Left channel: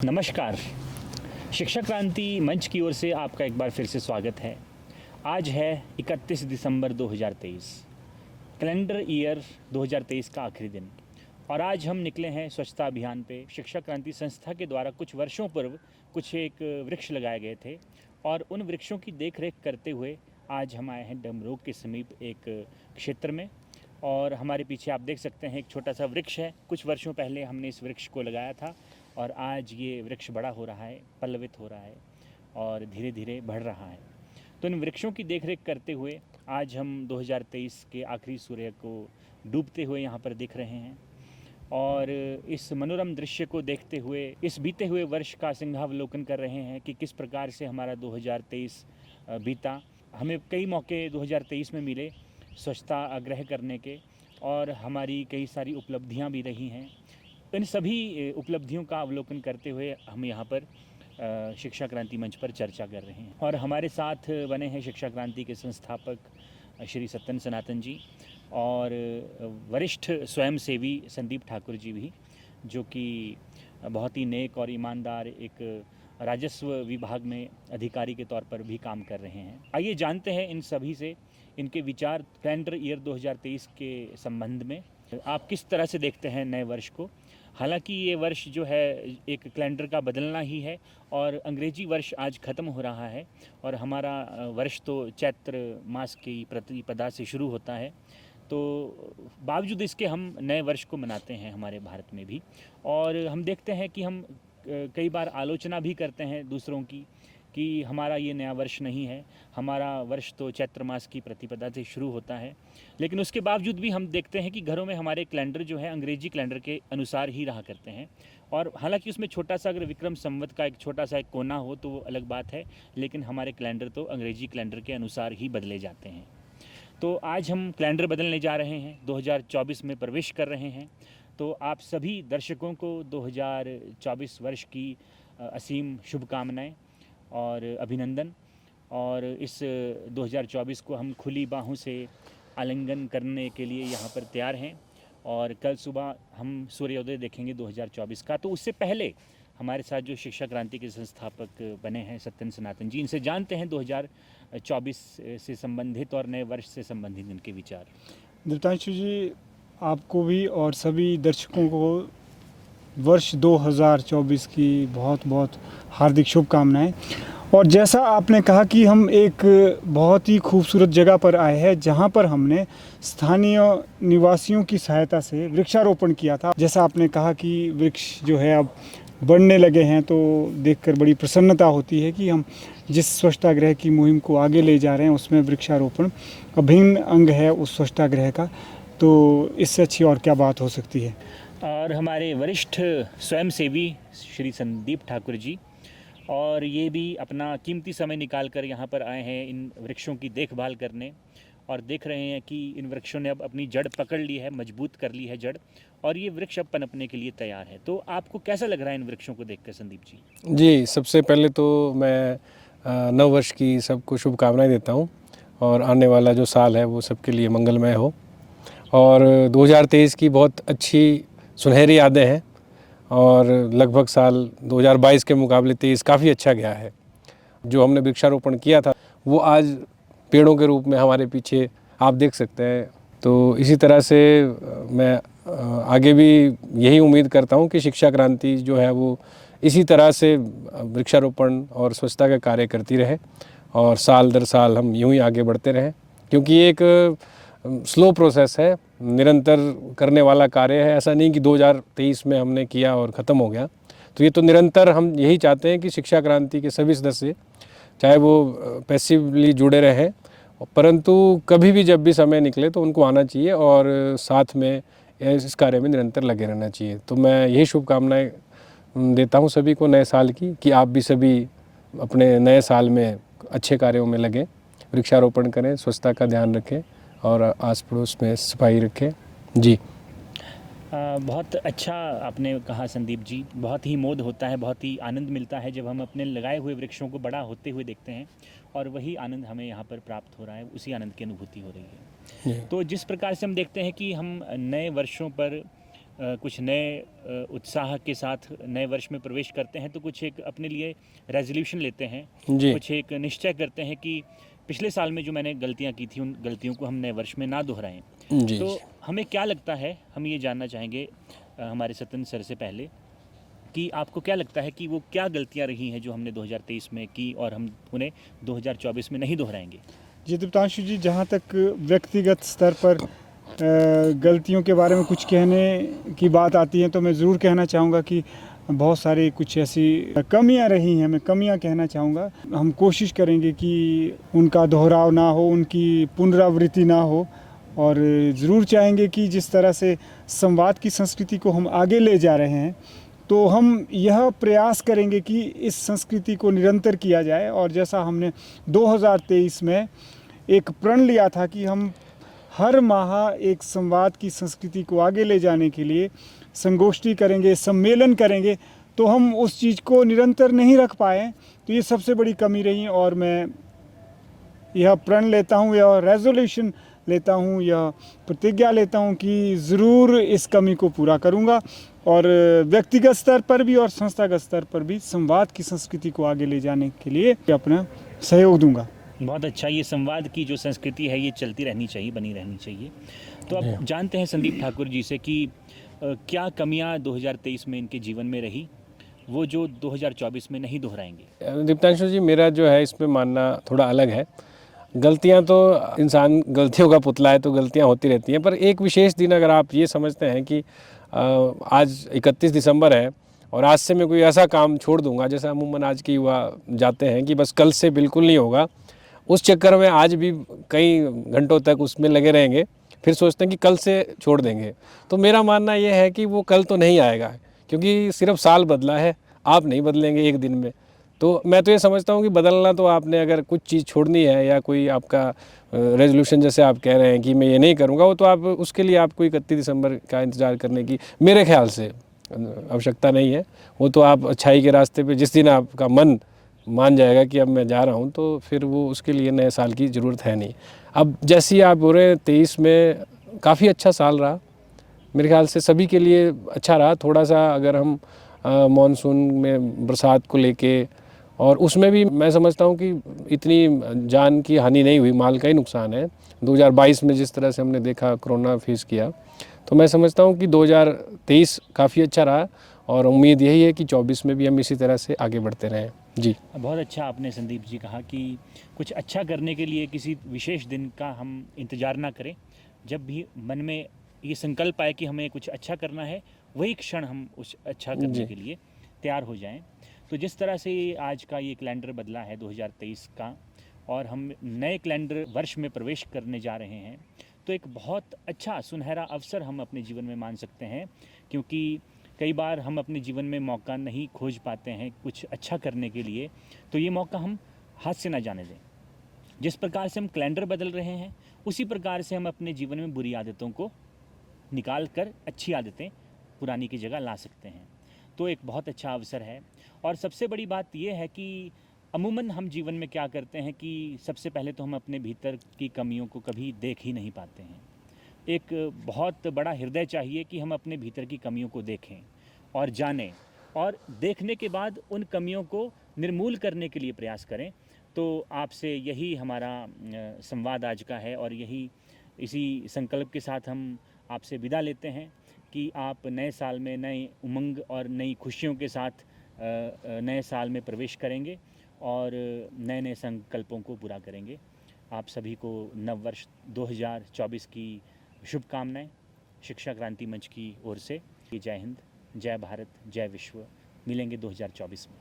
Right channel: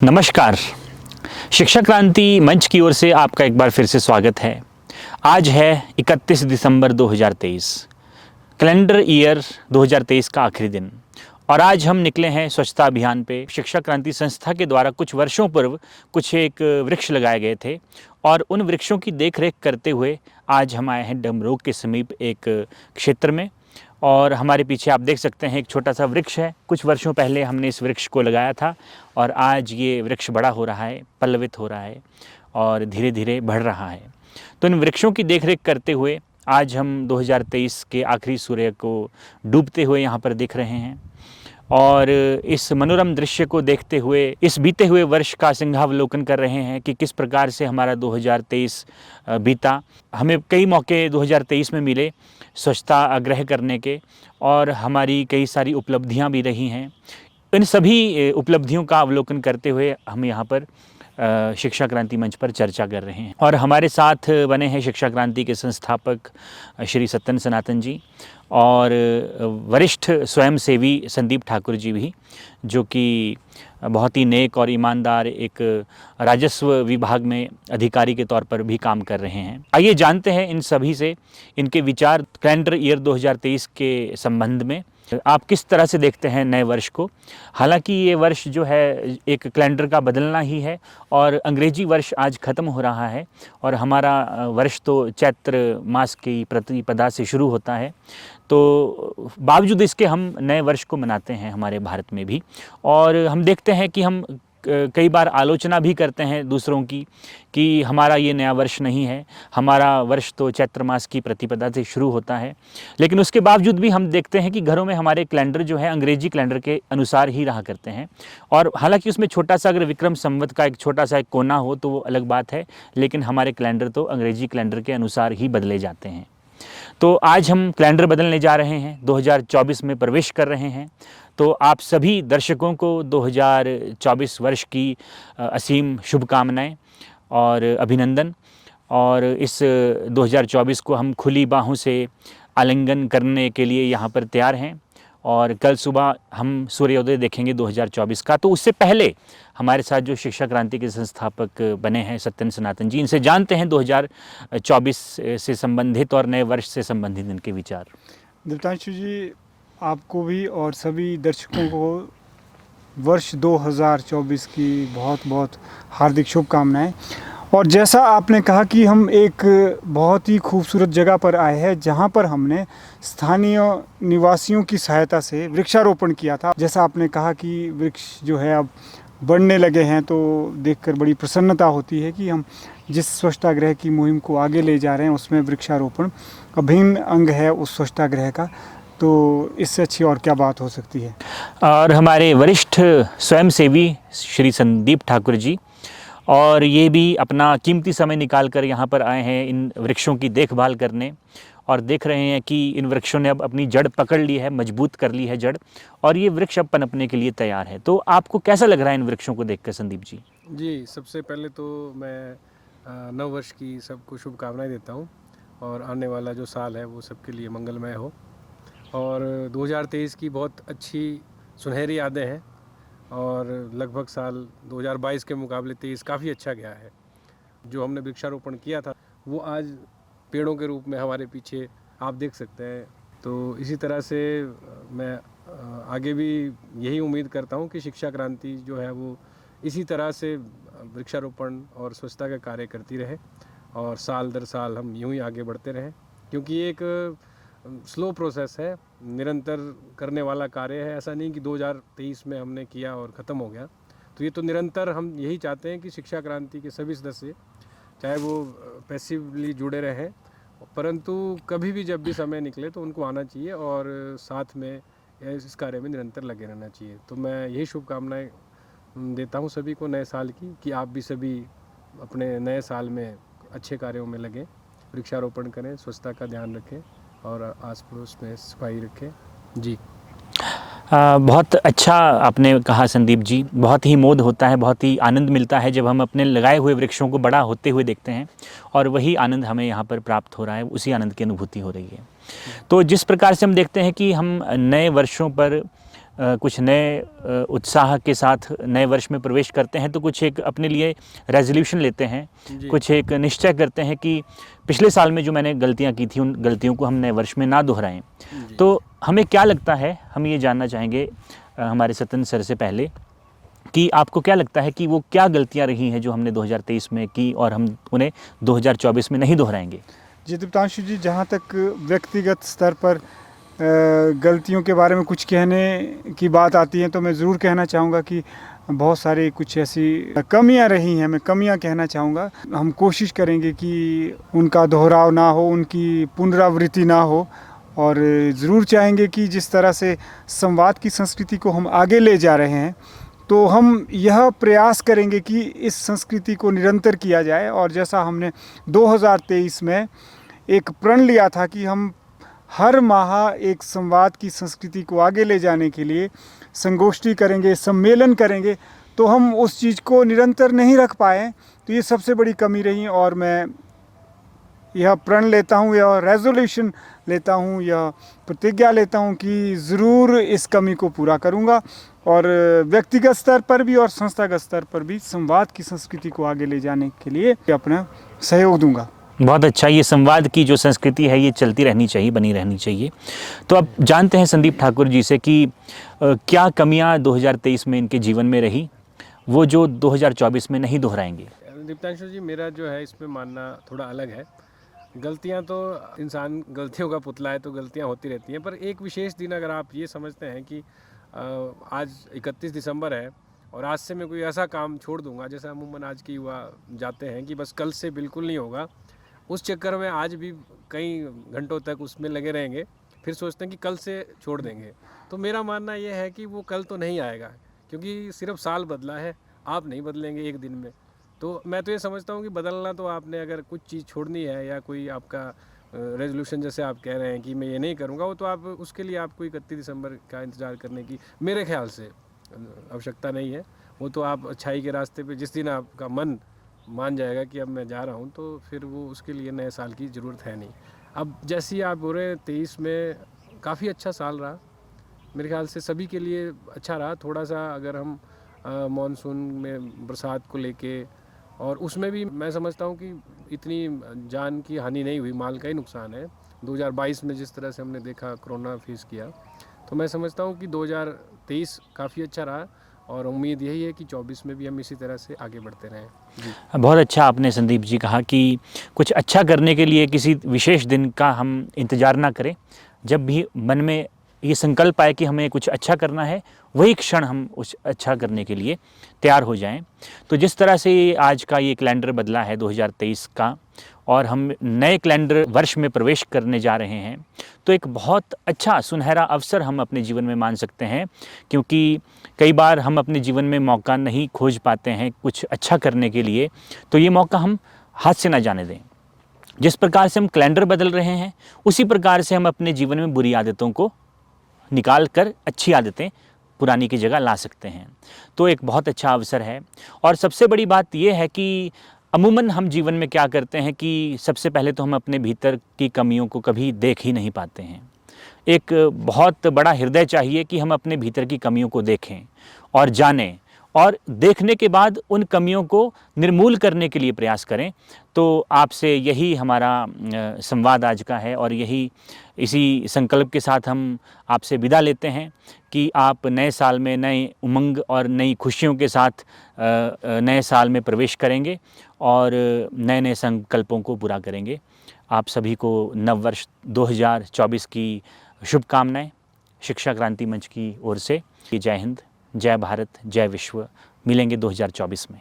नमस्कार। शिक्षा क्रांति मंच की ओर से आपका एक बार फिर से स्वागत है। आज है 31 दिसंबर 2023, कैलेंडर ईयर 2023 का आखिरी दिन और आज हम निकले हैं स्वच्छता अभियान पे। शिक्षा क्रांति संस्था के द्वारा कुछ वर्षों पूर्व कुछ एक वृक्ष लगाए गए थे और उन वृक्षों की देखरेख करते हुए आज हम आए हैं डमरोग के समीप एक क्षेत्र में और हमारे पीछे आप देख सकते हैं एक छोटा सा वृक्ष है। कुछ वर्षों पहले हमने इस वृक्ष को लगाया था और आज ये वृक्ष बड़ा हो रहा है, पल्लवित हो रहा है और धीरे धीरे बढ़ रहा है। तो इन वृक्षों की देखरेख करते हुए आज हम 2023 के आखिरी सूर्य को डूबते हुए यहाँ पर देख रहे हैं और इस मनोरम दृश्य को देखते हुए इस बीते हुए वर्ष का सिंहावलोकन कर रहे हैं कि किस प्रकार से हमारा 2023 बीता। हमें कई मौके 2023 में मिले स्वच्छता आग्रह करने के और हमारी कई सारी उपलब्धियां भी रही हैं। इन सभी उपलब्धियों का अवलोकन करते हुए हम यहाँ पर शिक्षा क्रांति मंच पर चर्चा कर रहे हैं और हमारे साथ बने हैं शिक्षा क्रांति के संस्थापक श्री सत्यन सनातन जी और वरिष्ठ स्वयंसेवी संदीप ठाकुर जी भी, जो कि बहुत ही नेक और ईमानदार एक राजस्व विभाग में अधिकारी के तौर पर भी काम कर रहे हैं। आइए जानते हैं इन सभी से इनके विचार कैलेंडर ईयर 2023 के संबंध में। आप किस तरह से देखते हैं नए वर्ष को? हालांकि ये वर्ष जो है एक कैलेंडर का बदलना ही है और अंग्रेजी वर्ष आज ख़त्म हो रहा है और हमारा वर्ष तो चैत्र मास की प्रतिपदा से शुरू होता है। तो बावजूद इसके हम नए वर्ष को मनाते हैं हमारे भारत में भी और हम देखते हैं कि हम कई बार आलोचना भी करते हैं दूसरों की कि हमारा ये नया वर्ष नहीं है, हमारा वर्ष तो चैत्र मास की प्रतिपदा से शुरू होता है। लेकिन उसके बावजूद भी हम देखते हैं कि घरों में हमारे कैलेंडर जो है अंग्रेजी कैलेंडर के अनुसार ही रहा करते हैं और हालांकि उसमें छोटा सा अगर विक्रम संवत का एक छोटा सा एक कोना हो तो वो अलग बात है, लेकिन हमारे कैलेंडर तो अंग्रेजी कैलेंडर के अनुसार ही बदले जाते हैं। तो आज हम कैलेंडर बदलने जा रहे हैं, 2024 में प्रवेश कर रहे हैं। तो आप सभी दर्शकों को 2024 वर्ष की असीम शुभकामनाएं और अभिनंदन। और इस 2024 को हम खुली बाहों से आलिंगन करने के लिए यहाँ पर तैयार हैं और कल सुबह हम सूर्योदय देखेंगे 2024 का। तो उससे पहले हमारे साथ जो शिक्षा क्रांति के संस्थापक बने हैं सत्यन सनातन जी, इनसे जानते हैं 2024 से संबंधित और नए वर्ष से संबंधित इनके विचार। दिव्यांशु जी, आपको भी और सभी दर्शकों को वर्ष 2024 की बहुत बहुत हार्दिक शुभकामनाएं। और जैसा आपने कहा कि हम एक बहुत ही खूबसूरत जगह पर आए हैं जहां पर हमने स्थानीय निवासियों की सहायता से वृक्षारोपण किया था। जैसा आपने कहा कि वृक्ष जो है अब बढ़ने लगे हैं, तो देखकर बड़ी प्रसन्नता होती है कि हम जिस स्वच्छतागृह की मुहिम को आगे ले जा रहे हैं उसमें वृक्षारोपण अभिन्न अंग है उस स्वच्छतागृह का। तो इससे अच्छी और क्या बात हो सकती है। और हमारे वरिष्ठ स्वयंसेवी श्री संदीप ठाकुर जी, और ये भी अपना कीमती समय निकाल कर यहाँ पर आए हैं इन वृक्षों की देखभाल करने और देख रहे हैं कि इन वृक्षों ने अब अपनी जड़ पकड़ ली है, मजबूत कर ली है जड़ और ये वृक्ष अब पनपने के लिए तैयार है। तो आपको कैसा लग रहा है इन वृक्षों को देखकर संदीप जी? जी, सबसे पहले तो मैं नव वर्ष की सबको शुभकामनाएं देता हूं और आने वाला जो साल है वो सबके लिए मंगलमय हो। और 2023 की बहुत अच्छी सुनहरी यादें हैं और लगभग साल 2022 के मुकाबले 23 काफ़ी अच्छा गया है। जो हमने वृक्षारोपण किया था वो आज पेड़ों के रूप में हमारे पीछे आप देख सकते हैं। तो इसी तरह से मैं आगे भी यही उम्मीद करता हूं कि शिक्षा क्रांति जो है वो इसी तरह से वृक्षारोपण और स्वच्छता का कार्य करती रहे और साल दर साल हम यूं ही आगे बढ़ते रहें, क्योंकि ये एक स्लो प्रोसेस है, निरंतर करने वाला कार्य है। ऐसा नहीं कि 2023 में हमने किया और ख़त्म हो गया। तो ये तो निरंतर हम यही चाहते हैं कि शिक्षा क्रांति के सभी सदस्य चाहे वो पैसिवली जुड़े रहें, परंतु कभी भी जब भी समय निकले तो उनको आना चाहिए और साथ में इस कार्य में निरंतर लगे रहना चाहिए। तो मैं यही शुभकामनाएं देता हूं सभी को नए साल की कि आप भी सभी अपने नए साल में अच्छे कार्यों में लगें, वृक्षारोपण करें, स्वच्छता का ध्यान रखें और आस पड़ोस में सफाई रखें। जी, बहुत अच्छा आपने कहा संदीप जी। बहुत ही मोद होता है, बहुत ही आनंद मिलता है जब हम अपने लगाए हुए वृक्षों को बड़ा होते हुए देखते हैं और वही आनंद हमें यहाँ पर प्राप्त हो रहा है, उसी आनंद की अनुभूति हो रही है। तो जिस प्रकार से हम देखते हैं कि हम नए वर्षों पर कुछ नए उत्साह के साथ नए वर्ष में प्रवेश करते हैं तो कुछ एक अपने लिए रेजोल्यूशन लेते हैं, जी। कुछ एक निश्चय करते हैं कि पिछले साल में जो मैंने गलतियां की थी उन गलतियों को हम नए वर्ष में ना दोहराएं। जी। तो हमें क्या लगता है, हम ये जानना चाहेंगे हमारे सतन सर से पहले कि आपको क्या लगता है कि वो क्या गलतियां रही हैं जो हमने 2023 में की और हम उन्हें 2024 में नहीं दोहराएंगे? जी दीप्तांशु जी, जहाँ तक व्यक्तिगत स्तर पर गलतियों के बारे में कुछ कहने की बात आती है तो मैं ज़रूर कहना चाहूँगा कि बहुत सारी कुछ ऐसी कमियां रही हैं, मैं कमियां कहना चाहूँगा। हम कोशिश करेंगे कि उनका दोहराव ना हो, उनकी पुनरावृत्ति ना हो, और ज़रूर चाहेंगे कि जिस तरह से संवाद की संस्कृति को हम आगे ले जा रहे हैं तो हम यह प्रयास करेंगे कि इस संस्कृति को निरंतर किया जाए। और जैसा हमने 2023 में एक प्रण लिया था कि हम हर माह एक संवाद की संस्कृति को आगे ले जाने के लिए संगोष्ठी करेंगे, सम्मेलन करेंगे, तो हम उस चीज़ को निरंतर नहीं रख पाए। तो ये सबसे बड़ी कमी रही और मैं यह प्रण लेता हूँ, यह रेजोल्यूशन लेता हूँ, यह प्रतिज्ञा लेता हूँ कि ज़रूर इस कमी को पूरा करूँगा और व्यक्तिगत स्तर पर भी और संस्थागत स्तर पर भी संवाद की संस्कृति को आगे ले जाने के लिए अपना सहयोग दूंगा। बहुत अच्छा, ये संवाद की जो संस्कृति है ये चलती रहनी चाहिए, बनी रहनी चाहिए। तो अब जानते हैं संदीप ठाकुर जी से कि क्या कमियां 2023 में इनके जीवन में रही वो जो 2024 में नहीं दोहराएंगे? दीप्तांशु जी, मेरा जो है इसमें मानना थोड़ा अलग है। गलतियां तो इंसान गलतियों का पुतला है, तो गलतियां होती रहती हैं, पर एक विशेष दिन अगर आप ये समझते हैं कि आज 31 दिसंबर है और आज से मैं कोई ऐसा काम छोड़ दूंगा, जैसा अमूमन आज के युवा जाते हैं कि बस कल से बिल्कुल नहीं होगा, उस चक्कर में आज भी कई घंटों तक उसमें लगे रहेंगे, फिर सोचते हैं कि कल से छोड़ देंगे। तो मेरा मानना ये है कि वो कल तो नहीं आएगा, क्योंकि सिर्फ साल बदला है, आप नहीं बदलेंगे एक दिन में। तो मैं तो ये समझता हूँ कि बदलना तो आपने, अगर कुछ चीज़ छोड़नी है या कोई आपका रेजोल्यूशन जैसे आप कह रहे हैं कि मैं ये नहीं करूँगा, वो तो आप उसके लिए आपको 31 दिसंबर का इंतज़ार करने की मेरे ख्याल से आवश्यकता नहीं है। वो तो आप अच्छाई के रास्ते पे जिस दिन आपका मन मान जाएगा कि अब मैं जा रहा हूँ, तो फिर वो उसके लिए नए साल की ज़रूरत है नहीं। अब जैसी आप बोल रहे हैं 23 में काफ़ी अच्छा साल रहा, मेरे ख्याल से सभी के लिए अच्छा रहा। थोड़ा सा अगर हम मानसून में बरसात को लेके, और उसमें भी मैं समझता हूँ कि इतनी जान की हानि नहीं हुई, माल का ही नुकसान है। 2022 में जिस तरह से हमने देखा, कोरोना फेस किया, तो मैं समझता हूँ कि 2023 काफ़ी अच्छा रहा और उम्मीद यही है कि 24 में भी हम इसी तरह से आगे बढ़ते रहें। जी, बहुत अच्छा आपने संदीप जी कहा कि कुछ अच्छा करने के लिए किसी विशेष दिन का हम इंतज़ार ना करें। जब भी मन में ये संकल्प आए कि हमें कुछ अच्छा करना है, वही क्षण हम उस अच्छा करने के लिए तैयार हो जाएं। तो जिस तरह से आज का ये कैलेंडर बदला है 2023 का और हम नए कैलेंडर वर्ष में प्रवेश करने जा रहे हैं, तो एक बहुत अच्छा सुनहरा अवसर हम अपने जीवन में मान सकते हैं, क्योंकि कई बार हम अपने जीवन में मौका नहीं खोज पाते हैं कुछ अच्छा करने के लिए, तो ये मौका हम हाथ से ना जाने दें। जिस प्रकार से हम कैलेंडर बदल रहे हैं, उसी प्रकार से हम अपने जीवन में बुरी आदतों को निकाल कर अच्छी आदतें पुरानी की जगह ला सकते हैं। तो एक बहुत अच्छा अवसर है। और सबसे बड़ी बात यह है कि अमूमन हम जीवन में क्या करते हैं कि सबसे पहले तो हम अपने भीतर की कमियों को कभी देख ही नहीं पाते हैं। एक बहुत बड़ा हृदय चाहिए कि हम अपने भीतर की कमियों को देखें और जानें, और देखने के बाद उन कमियों को निर्मूल करने के लिए प्रयास करें। तो आपसे यही हमारा संवाद आज का है और यही इसी संकल्प के साथ हम आपसे विदा लेते हैं कि आप नए साल में नए उमंग और नई खुशियों के साथ नए साल में प्रवेश करेंगे और नए नए संकल्पों को पूरा करेंगे। आप सभी को नव वर्ष 2024 की शुभकामनाएं शिक्षा क्रांति मंच की ओर से। जय हिंद, जय भारत, जय विश्व। मिलेंगे 2024 में।